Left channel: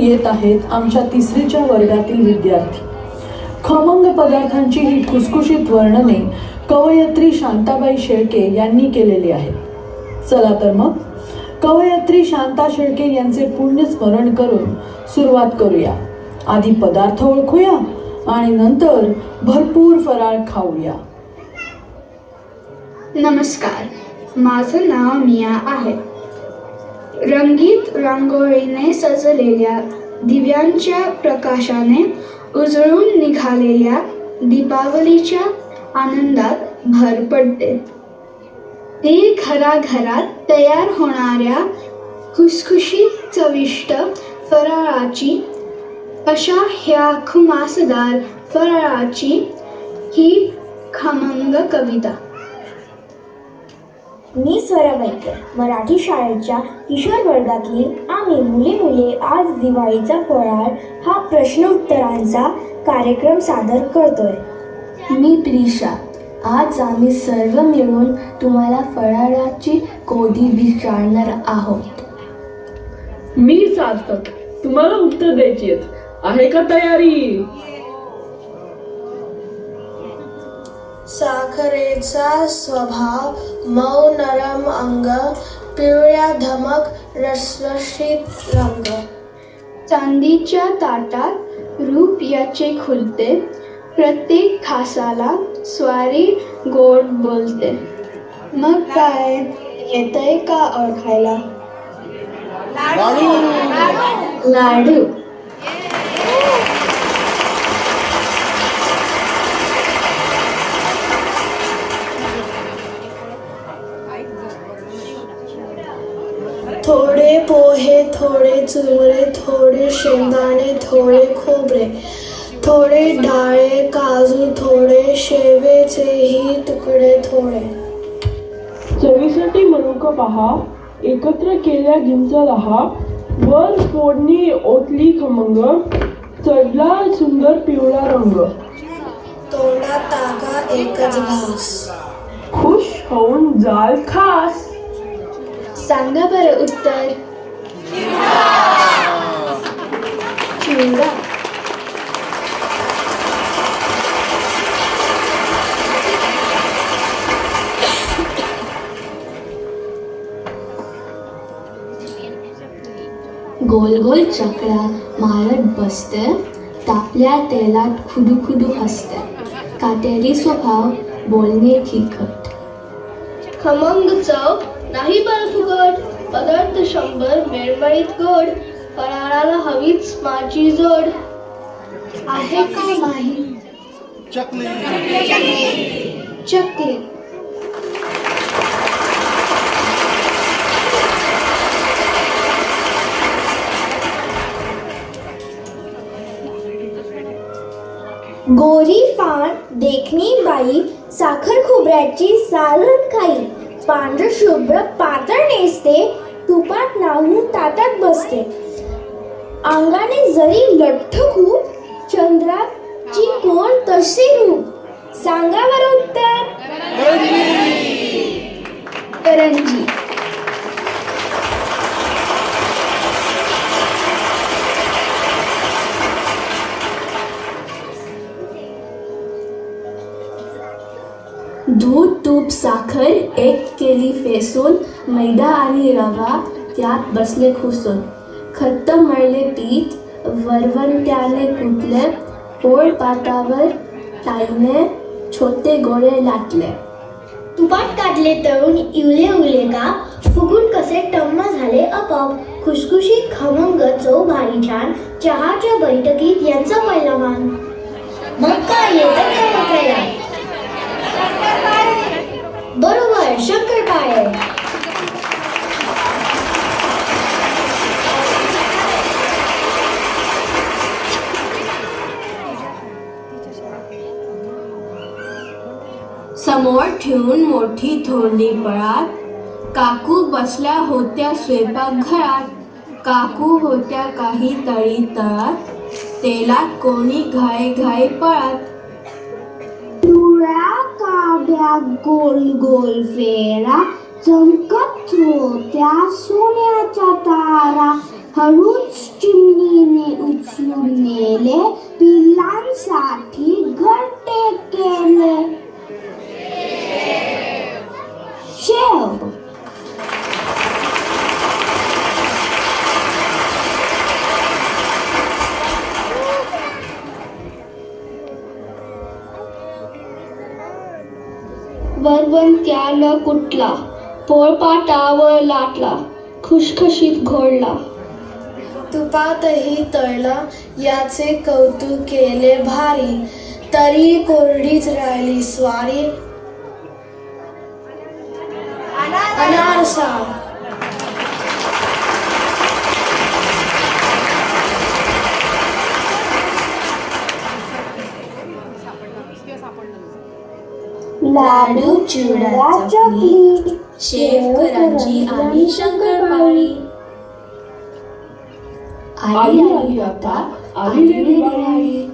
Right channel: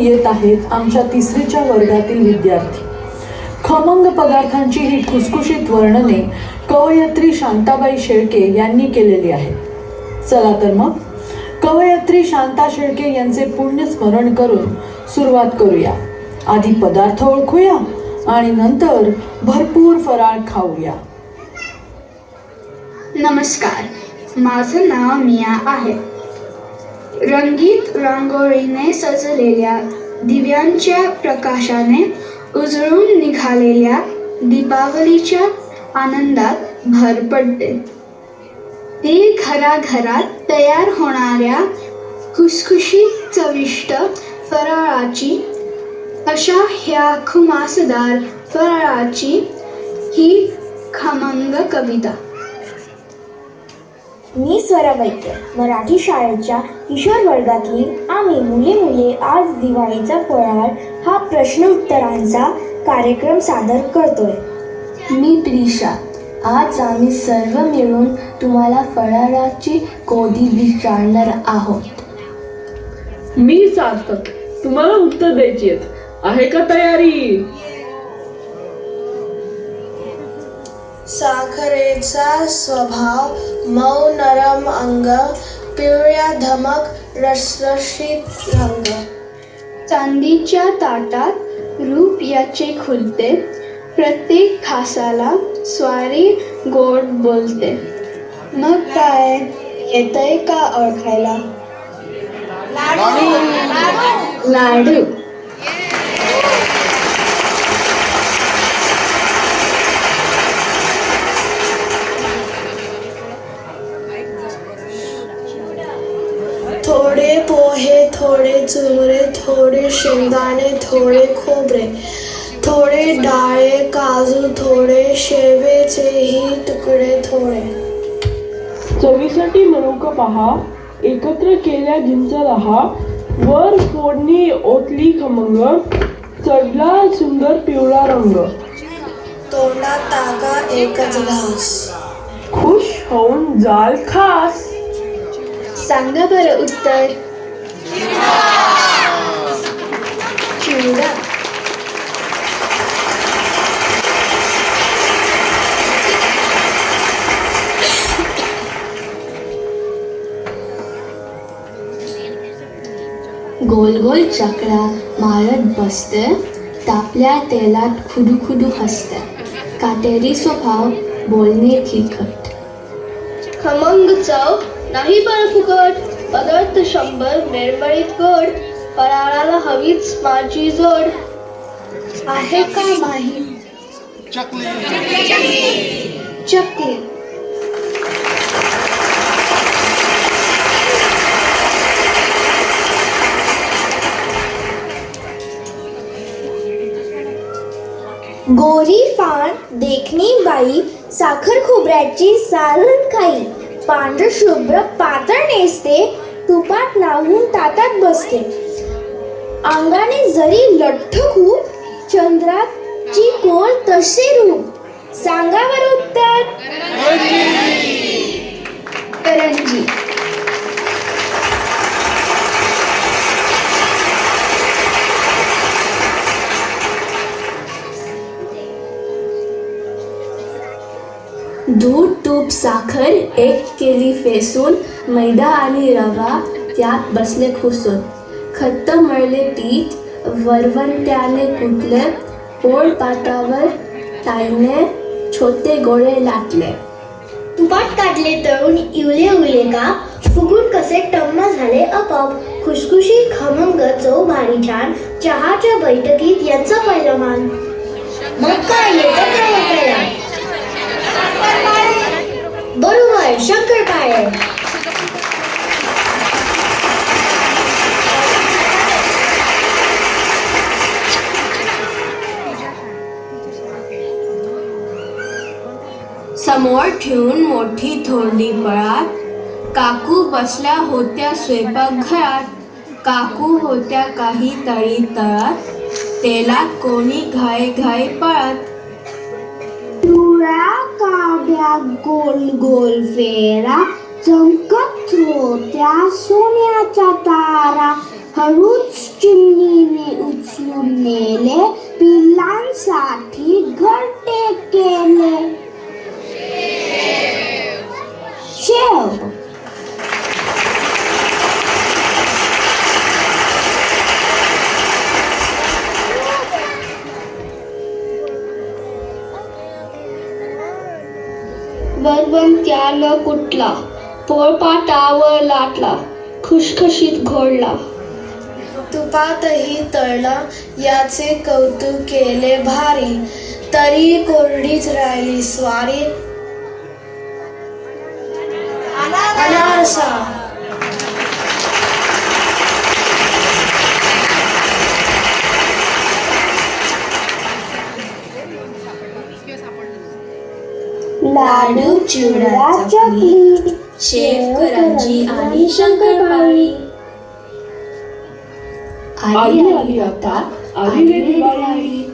येत आहेत आमच्या 3रीच्या वर्गातील विद्यार्थी. खमंग पदार्थांची ही खुसखुशीत वर्णने कवयित्री शांताबाई शेळके यांनी केलेली आहेत. चला तर मग कवयित्री शांता शेळके यांचे पुण्य स्मरण करून सुरुवात करूया. आधी पदार्थ ओळखूया आणि नंतर भरपूर फराळ खाऊया. नमस्कार, माझं नाव मिया आहे. रंगीत रांगोळीने सजलेल्या दिव्यांच्या प्रकाशाने उजळून निघालेल्या दीपावलीच्या आनंदात भर पडते. ती घराघरात तयार होणाऱ्या खुसखुशीत चविष्ट फराळाची, अशा ह्या खुमासदार फराळाची ही खमंग कविता. मी स्वरा वैद्य, मराठी शाळेच्या किशोर वर्गातली आम्ही मुली आज दिवाळीचा फराळ हा प्रश्न उत्तरांचा कार्यक्रम सादर करतोय. मी प्रिशा, आज आम्ही सर्व मिळून तुम्हाला फराळाची गोडी विचारणार आहोत. मी सार्थक, तुम्हाला उत्तर द्यायची आहे का तयारी? साखरेचा स्वभाव, मऊ नरम अंग, पिवळ्या धमक रसरशीत रंग. चांदीच्या ताटात रूप याचे खुलते, प्रत्येक खासाला स्वारी गोड बोलते. मग काय येतंय का ओळखायला? लाडू. थोडे पोहे, थोडे चुरमुरे, थोडे शेंगदाणे, थोडे खोबरे, थोडे डाळे, काजू, थोडे शेवेचेही तुकडे थोडे. चवीसाठी मनुक पहा, एकत्र केल्या जिंच रहा, वर फोडणी ओतली खमंग, चढला सुंदर पिवळा रंग. तोंडात टाका एकच घास, खुश होऊन जाल खास. सांगा बरं उत्तर. चिवडा. गोल गोल चक्रा मारत बसते, तापल्या तेलात खुडू हसते. काटेरी स्वभाव, बोलणे फिकट. खमंग चव, नाही पण फुकट. पदार्थ 100, मेळवळीत गोड. फराळाला हवीच माझी जोड. आहे का नाही? चकली. गोरी पान देखणी बाई, साखर खोबऱ्याची सालन खाई. पांढर शुभ्र पातळ नेसते, तुपात नाहून ताटात बसते. अंगाने जरी लठ्ठ खूप, चंद्राची कोण तसे रूप. सांगा बरं उत्तर. करंजी. दूध, तूप, साखर एक केली फेसून, मैदा आणि रवा त्यात बसले खुसून. खट्ट मळले पीठ, वरवंट्याने कुटले, पोळपाटावर ताईने छोटे गोळे लाटले. तुपात काढले तळून इवले उले का, फुगून कसे टम्म झाले आपोआप. खुसखुशीत खमंग चव भारी छान, चहाच्या बैठकीत यांचं पहिलं मान. मग काय येतं काय ओळखायला? बरोबर, शंकरपाळे. समोर ठेवून मोठी थोरली पळात, काकू बसल्या होत्या स्वयंपाकघरात. काकू होत्या काही तळी तळात, तेलात कोणी घाई पळत. पिवळ्या काड्या गोल गोल फेरा, चमकत होत्या सोन्याच्या तारा. हळूच चिमणी नेले, पिल्लांसाठी घरटे केले. शेव. वरवंट्यानं कुटला, पोळपाटावर लाटला, खुशखुशीत घोळला. तुपातही तळला, याचे कौतुक केले भारी, तरी कोरडीच राहिली स्वारी. अनारसा. लाडू, चिवडा, चकली, शेव, करंजी आणि शंकरपाळी. आली आली आता आली रे दिवाळी.